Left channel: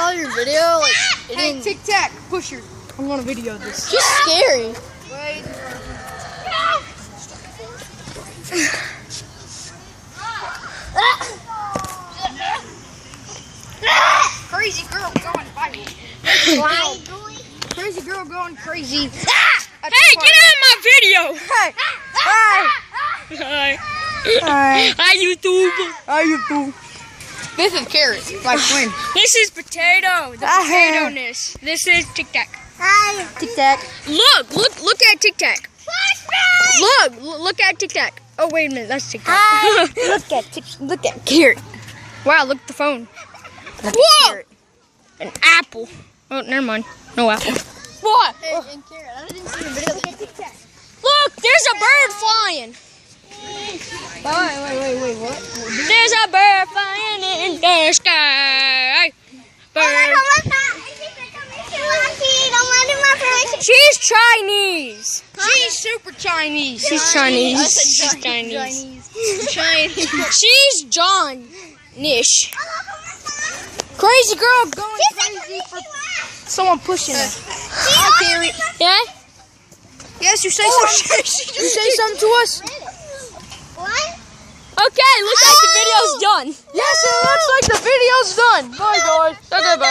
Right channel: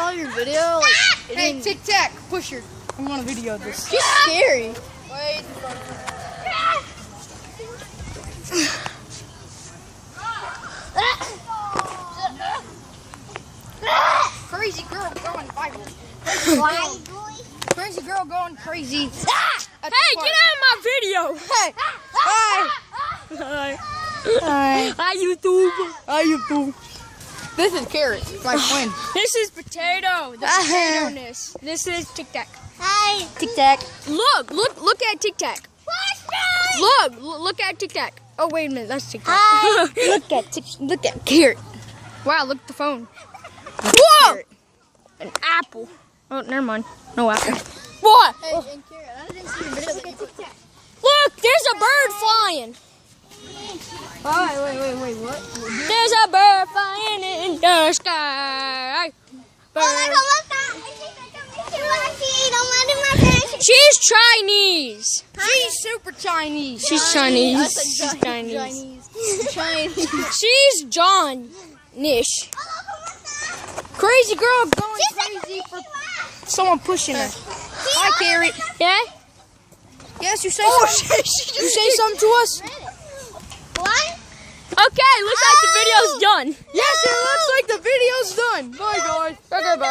saw your video. Like, it Hey, didn't. Tic Tac, push her. I'm gonna video this. She's scary. Wait. Crazy girl going viral. Crazy girl going crazy. Hey, get out of my video! Hey! Hi! Hi. Hi! Hi, YouTube. How you do? This is Carrot, my twin. This is Potato, the potato-ness. This is Tic Tac. Hi. Tic Tac. Look at Tic Tac. Look at Tic Tac. Oh, wait a minute, that's Tic Tac. Look at Carrot. Wow, look at the phone. Whoa! An apple. Oh, never mind. No apple. What? Hey, and Karen, I didn't see the video. Look, there's a bird flying. Wait, what? There's a bird flying in the sky. Bird. She's Chinese. She's super Chinese. She's Chinese. She's Chinese. She's John-ish. Crazy girl going crazy for someone pushing her. Hi, Carrot. Yeah? Yes, you say something. You say something to us? What? Okay, looks like the video's done. Yes, it looks like the video's done. Bye, guys. Okay, bye.